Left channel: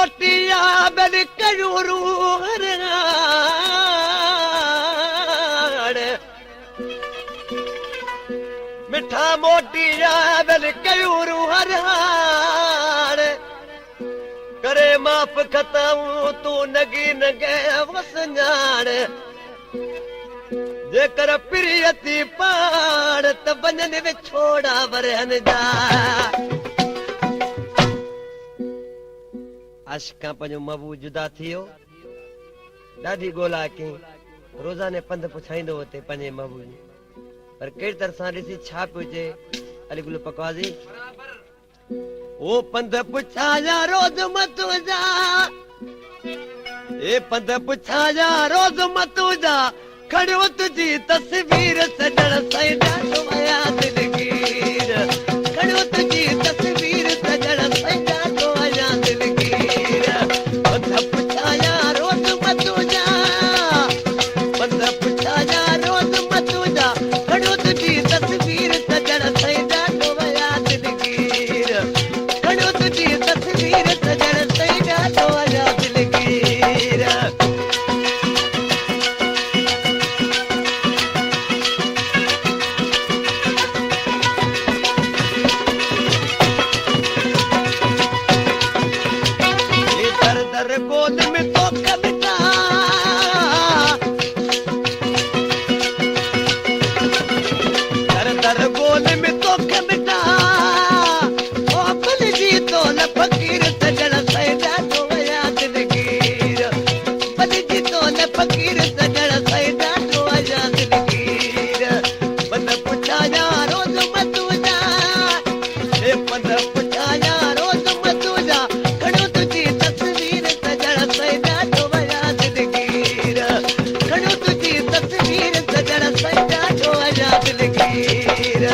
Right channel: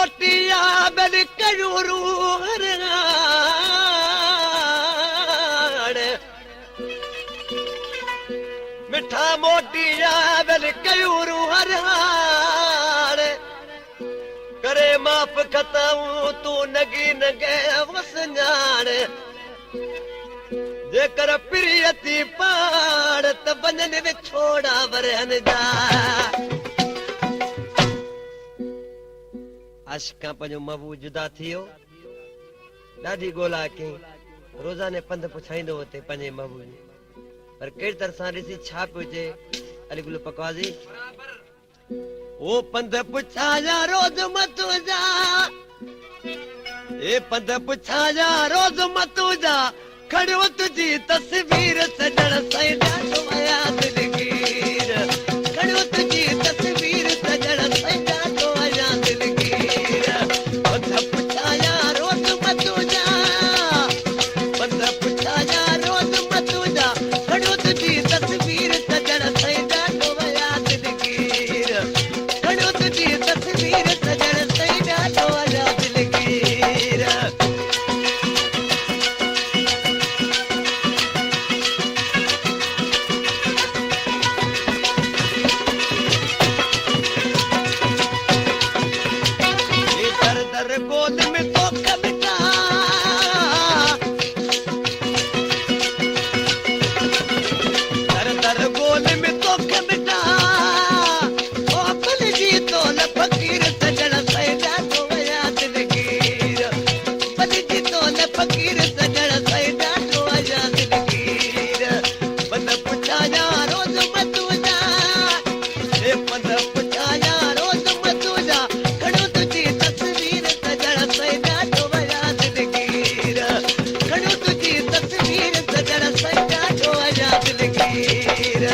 मोटिया बन कयूरू मिठा मोटिया बन कयूरू करे माफ़ खताऊं तू नगी नगे वसनाण जेकर प्रियती पाड़ त बनन में छोड़ा वरहन जा आशिका पंहिंजो महबूब जुदा थियो ॾाढी ॻोल्हा कई रोज़ाने पंध पुछाईंदो हुते पंहिंजे महबूब पर कहिड़ी तरह सां ॾिसी छा पियो चए अली गुल पकवाज़ी ओ पंध पुछाया रोज़ मत जा ए पंध पुछाया रोज़ मत जा खड़ो तुझी तस्वीर सजण साईं ॾाढो आया दिलगीर खड़ो तुझी तस्वीर सजण साईं ॾाढो आया दिलगीर पंध पुछाया रोज़ मत जा पंध पुछाया रोज़ मत जा खड़ो तुझी तस्वीर सजण साईं ॾाढो आया दिलगीर खड़ो तुझी तस्वीर सजण साईं ॾाढो आया दिलगीर गोद में तो कविता दर दर गोद में तो कविता ओ कुल जी तो न फकीर सजण साईं ॾाढो आया दिलगीर पल जी तो न फकीर सजण साईं ॾाढो आया दिलगीर पंध पुछाया रोज़ मत जा हे पंध पुछाया रोज़ मत जा खड़ो तुझी तस्वीर सजण साईं ॾाढो आया दिलगीर खड़ो तुझी तस्वीर सजण साईं ॾाढो आया दिलगीर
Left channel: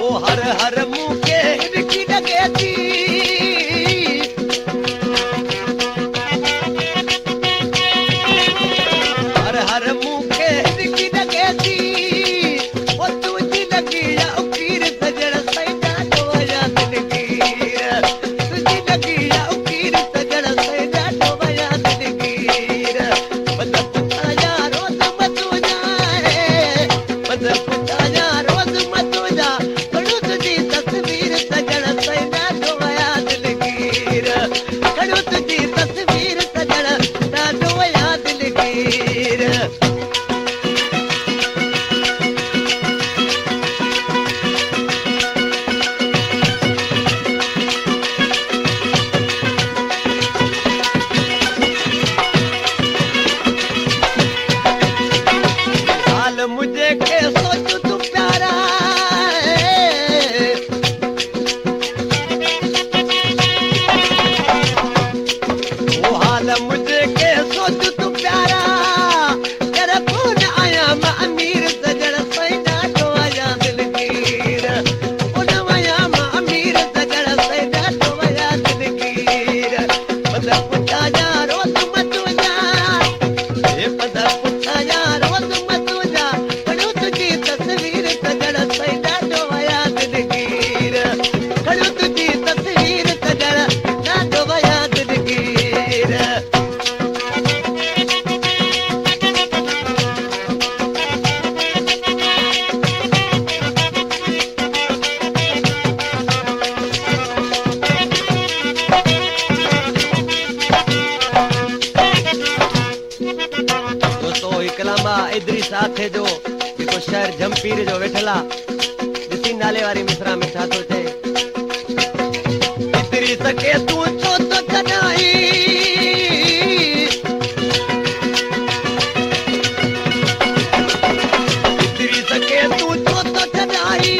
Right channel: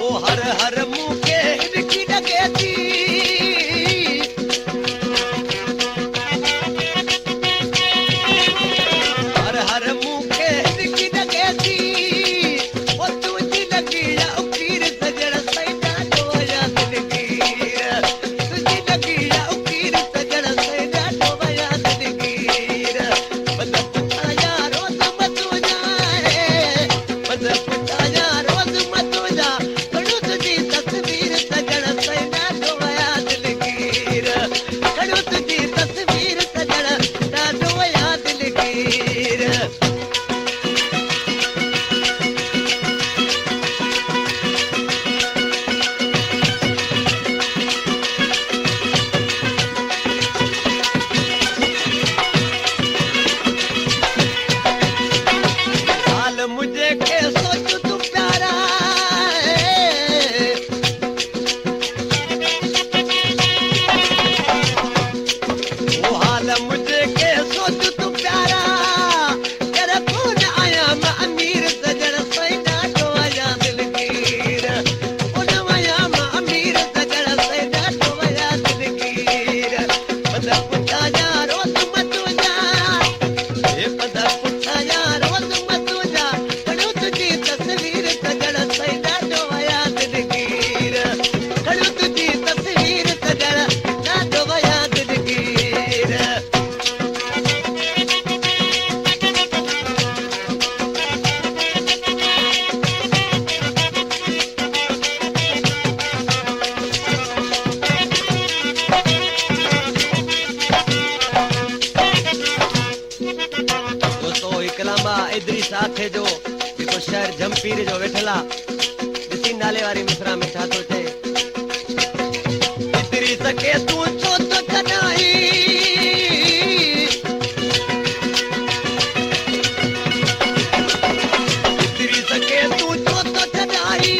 ओ हर हर मुंह के हिरकी लगे थी हर हर मुंह के हिरकी लगे थी ओ तुझी लगी या उकीर सजण साईं ॾाढो आया दिलगीर तुझी लगी या उकीर सजण साईं ॾाढो आया दिलगीर पंध पुछाया रोज़ मत जा पंध पुछाया रोज़ मत जा खड़ो तुझी तस्वीर सजण साईं ॾाढो आया दिलगीर खड़ो तुझी तस्वीर सजण ॾाढो आया दिलगीर हाल मुझे के सोच तू प्यारा वो हाल मुझे के सोच तू प्यारा तेरा कौन आया मैं अमीर सजण साईं ॾाढो आया दिलगीर उन आया मैं अमीर सजण साईं ॾाढो आया दिलगीर पंध पुछाया रोज़ मत जा हे पंध पुछाया रोज़ मत जा खड़ो तुझी तस्वीर सजण साईं ॾाढो आया दिलगीर खड़ो तुझी तस्वीर सजण ॾाढो आया दिलगीर दोस्तों इकलामा इदरीस आखे जो जेको शहर जमपीर जो वेठल आहे ॾिसी नाले वारी मिसरा में छा थो चए इदरीस खे तूं छो थो छॾाई इदरीस खे तूं छो थो छॾाई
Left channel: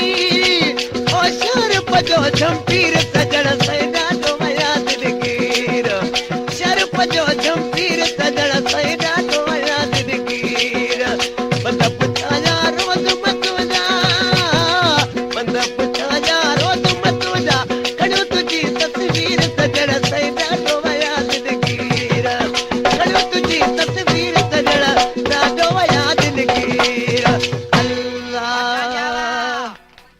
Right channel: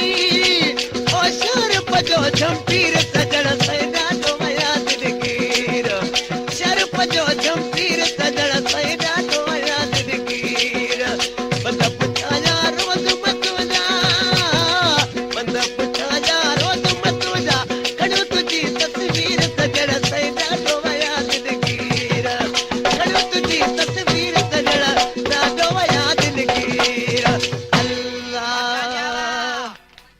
ओ शहर पजो जमपीर सजण